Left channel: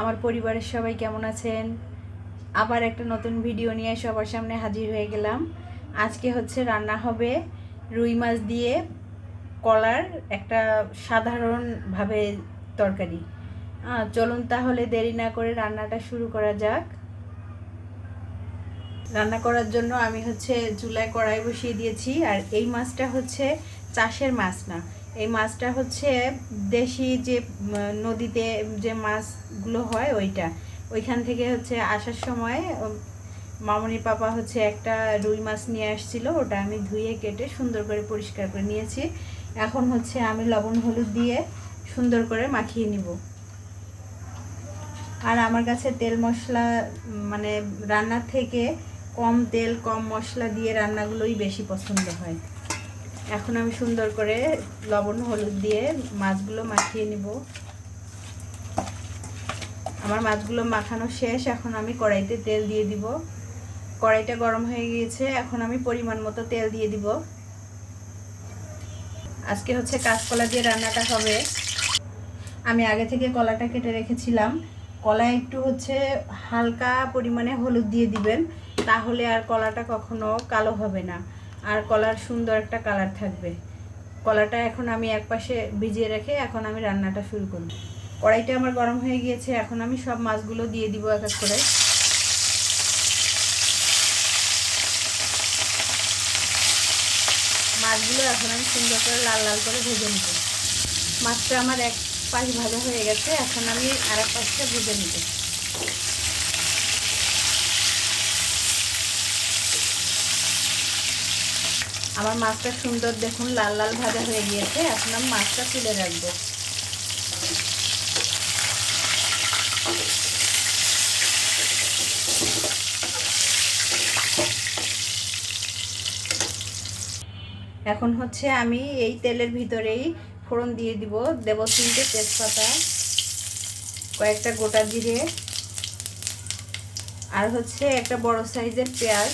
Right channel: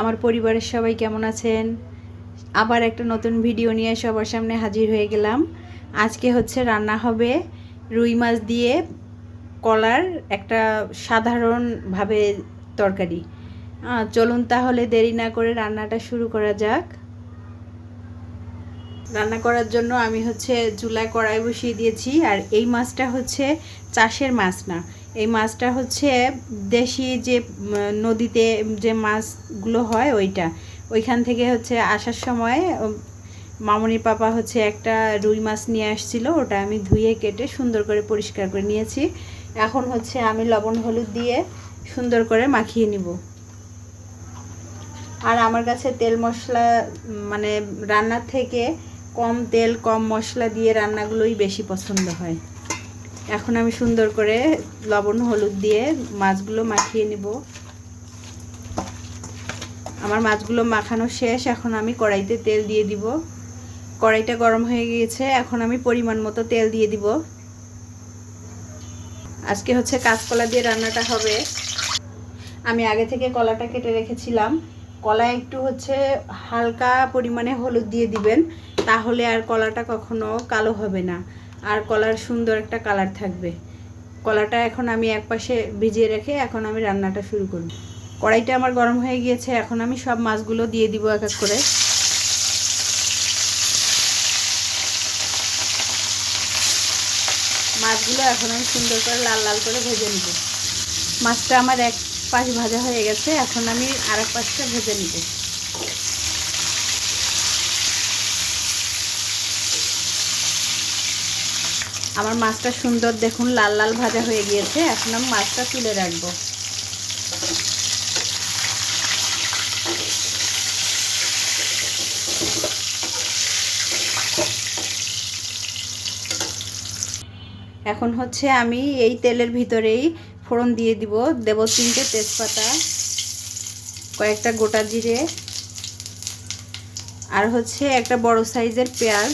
আমার পরিবারের সবাই কেমন আছেন? আবার একটা নতুন ভিডিও নিয়ে সবার সামনে হাজির হয়ে গেলাম। আজকে হচ্ছে রান্না হবে রুই মাছ দিয়ে কলার একটা সাধারণভাবে তরকারি। চলুন তাহলে দেরি না করে রান্নাটা শুরু করা যাক। রান্না করার জন্য আমি হচ্ছে চুলায় কড়াই বসিয়ে দিয়েছি। আর এই মাছটা হচ্ছে চাষের মাছ না, এই মাছটা হচ্ছে দেশি যে নদীতে যে মাছগুলো হয় ওইখান থেকে হচ্ছে আসার সময় মামুনির পাপা হচ্ছে একটা রুই মাছ নিয়ে আসছিল, ওটা আমি ধুয়ে কেটে সুন্দর করে পরিষ্কার করে নিয়েছি। এখন হচ্ছে আমি লবণ হলুদ দিয়ে সুন্দর করে মাখিয়ে নিব। আর আমার কাছে তেল মশলা মানে রান্নার থেকে কম তেল কম মশলা দিয়ে রান্নাগুলোই বেশি পছন্দ হয়। এখন আমি সুন্দর করে লবণ হলুদ দিয়ে মাছগুলো মাখিয়ে নিব। আমার মাছগুলো মাখানো শেষ। এখন আমি কড়াইতে তেল দিয়ে দিব। কড়াইটা গরম হয়ে গিয়েছে, এখন আমি পরিমাণ মতো তেল দিয়ে দিব। আজকে হচ্ছে কাঁচকলা দিয়ে রান্নাটা হবে। আমি আগে থেকে কলাটা কেটে রেখেছিলাম। কলায় একটু হচ্ছে হালকা পরিমাণে হলুদ দিয়ে দিবেন, তাহলে আর কলাটা কখনো কালো হবে না, আর কলার সুন্দর একটা কালার থাকবে। কলাটা এখন আমি একপাশে ভিজিয়ে রেখে এখন আমি রান্নাটা শুরু করব। কড়াইটা আমার গরম হয়ে গিয়েছে, এখন আমি সব মাছগুলো দিয়ে দিব এক এক করে। মাছগুলো এখন আমি সুন্দর করে লাল লাল করে ভেজে নেব। মাছটা আমার এক পাশ ভাজা হয়ে গেছে, এখন আমি আর এক পাশটা ভেজে নেব। আমার মাছটা সুন্দর দেখুন লাল লাল ভাজা হয়ে গিয়েছে। এখন আমি মাছটা তুলে রাখবো। এখন হচ্ছে আমি এই তেলের ভিতরেই ফোড়ন দিয়ে দেব 3টে তেজপাতা, কয়েকটা গোটা জিরে, আর হচ্ছে একটা বড় সাইজের পেঁয়াজ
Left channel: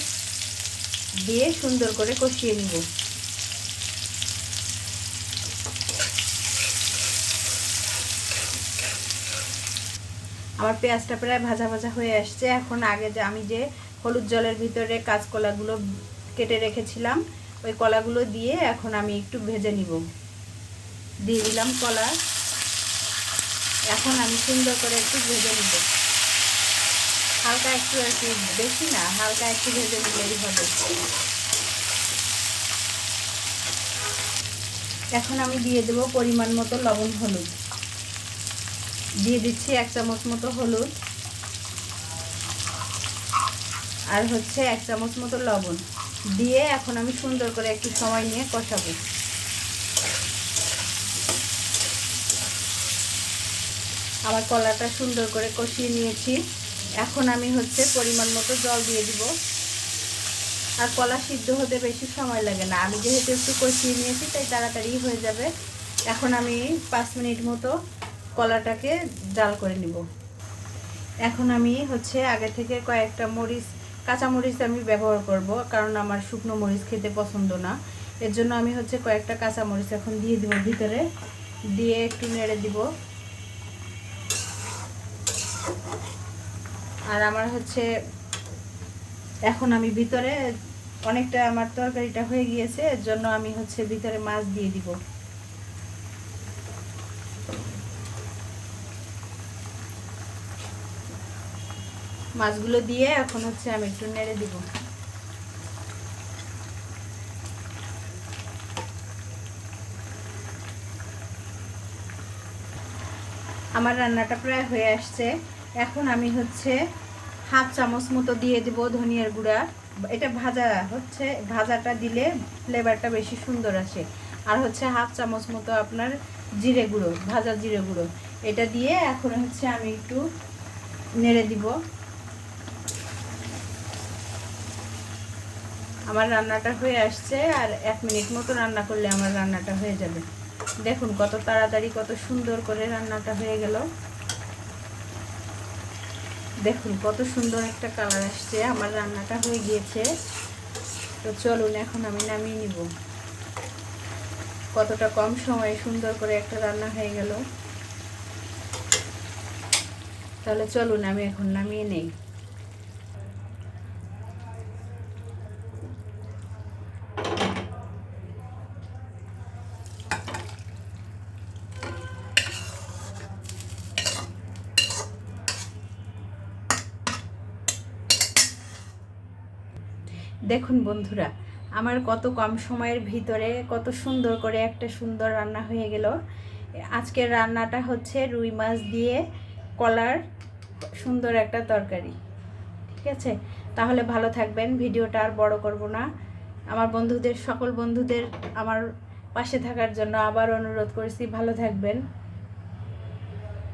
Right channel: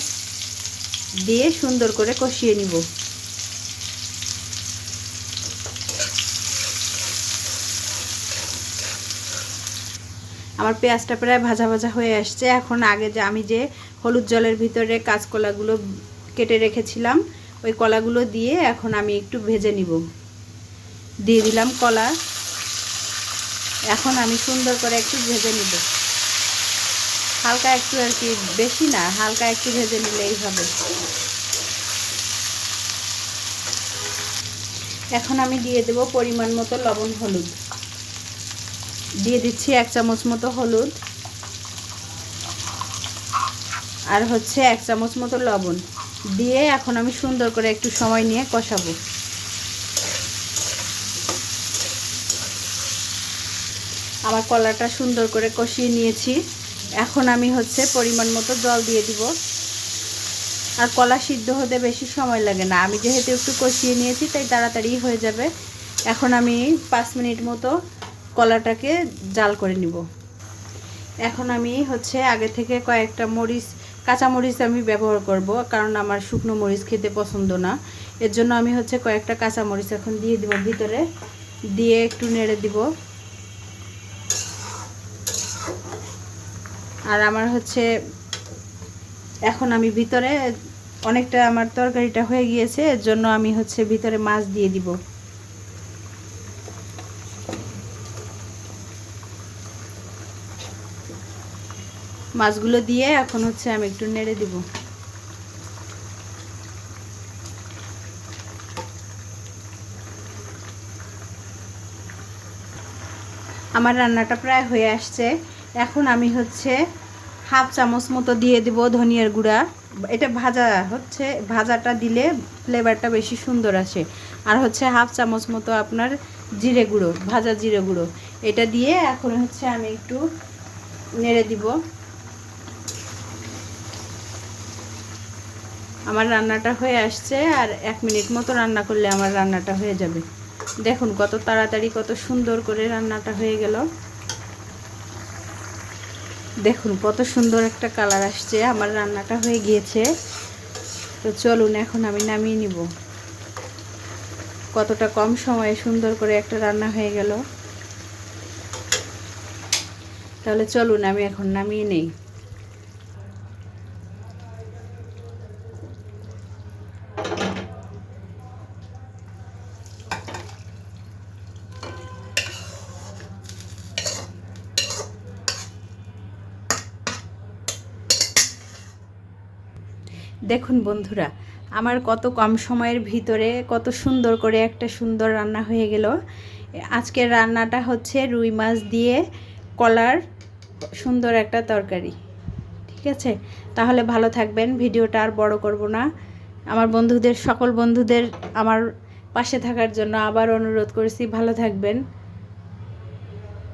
দিয়ে সুন্দর করে কষিয়ে নিব। আমার পেঁয়াজটা প্রায় ভাজা ভাজা হয়ে আসছে। এখন আগে যে আমি যে হলুদ জলের ভিতরে কাঁচকলাগুলো কেটে রেখেছিলাম ওই কলাগুলো দিয়ে এখন আমি একটু ভেজে নিব। দিয়ে দিলাম কলা। এখন আমি সুন্দর করে একটু ভেজে নিব, হালকা একটু আর কি, বেশি না, হালকা একটু ভেজে নিলেই হবে। এখন আমি দিয়ে দেব পরিমাণ মতো লবণ হলুদ। দিয়ে দিচ্ছি 1 চামচ মতো হলুদ, আর হচ্ছে 1 চামচ মতো লবণ দিয়ে এখন আমি সুন্দর করে একটু সময় নিয়ে কষাবো। আমার কলাটা সুন্দর করে কষিয়ে নিয়েছি। এখন আমি হচ্ছে পরিমাণ মতো জল দিয়ে দিব। আর কলা সিদ্ধ হতে বেশি সময় লাগে না, আমি যেহেতু একটু কষিয়ে নিয়েছি তাই তাড়াতাড়ি হয়ে যাবে। এখন আমি 5 মিনিট মতো কলাটাকে জাল করে নিব। এখন আমি হচ্ছে আগে থেকে কয়েকটা কাঁচা মরিচ আমি ব্যবহার করব, কারণ আমার শুকনো মরিচ খেতে পছন্দ না। এর জন্য আমি হচ্ছে কয়েকটা কাঁচা মরিচ এখন দিয়ে দেব ভিতরে, দিয়ে একটু নেড়ে দিব। আর আমার হচ্ছে এখন আমি ভিতরে অনেকটা আমার তরকারিটা হয়ে গিয়েছে, এর জন্য আমি হচ্ছে ভিতরে মাছ দিয়ে দিব। মাছগুলো দিয়ে এখন হচ্ছে আমি একটু নেড়ে দিব। আমার রান্নাটা প্রায় হয়ে আসছে। এখন আমি হচ্ছে 1/2 চামচ মতো দিয়ে দিব ধনিয়ার গুঁড়া। এটা ভাজা হচ্ছে, ভাজাটা দিলে ফ্লেভারটা বেশি সুন্দর আসে। আর হচ্ছে 1/2 চামচ মতো আপনার জিরে গুঁড়ো, ভাজা জিরে গুঁড়ো, এটা দিয়ে এখন হচ্ছে আমি একটু নেড়ে দিব। আমার রান্নাটা হয়ে আসছে, আর 1 মিনিট মতো রান্না করলে আমার রান্নাটা হয়ে যাবে। দেখুন কত তাড়াতাড়ি কত সুন্দর করে রান্নাটা হয়ে গেল। দেখুন কত সুন্দর একটা কালার আসছে, আমার রান্নাটা হয়ে গিয়েছে। তো চলুন এখন আমি নামিয়ে নিব। কতটা কম সময়ে সুন্দর করে একটা রান্না হয়ে গেল। তো তাহলে চলুন আমি এখন নামিয়ে নেই। দেখুন বন্ধুরা, আমার কত কম সময়ের ভিতরে কত সুন্দর করে একটা সুন্দর রান্না হয়ে গেল। আজকের রান্নাটা হচ্ছে রুই মাছ দিয়ে কলার সুন্দর একটা তরকারি। ঠিক আছে, তাহলে ভালো থাকবেন। ভিডিওটা আর বড় করব না। আমার বন্ধুদের, সকল বন্ধুদের আমার পাশে থাকার জন্য আবার অনুরোধ করছি, ভালো থাকবেন।